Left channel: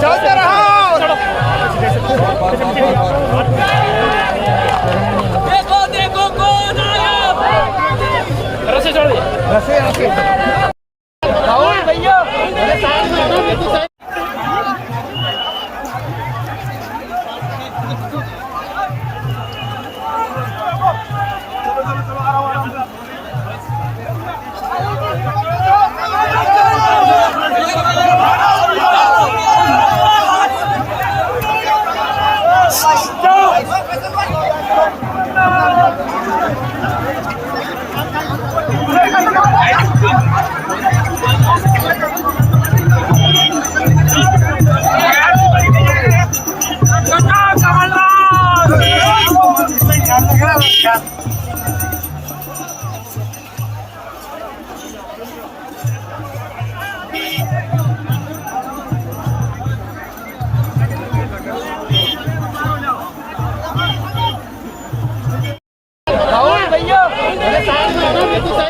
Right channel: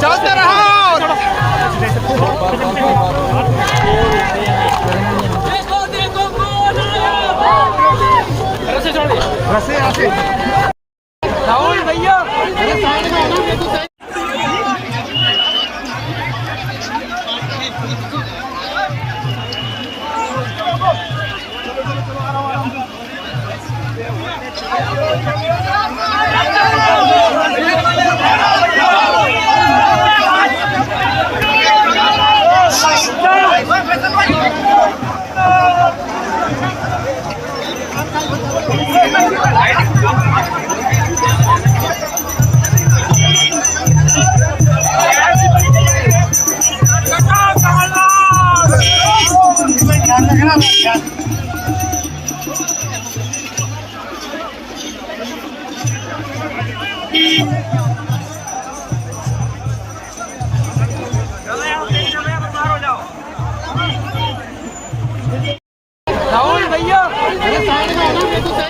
चलते रहो। देखो देखो कौन आया। रस्से छोड़ दे। रस्से यहाँ से राहुल भैया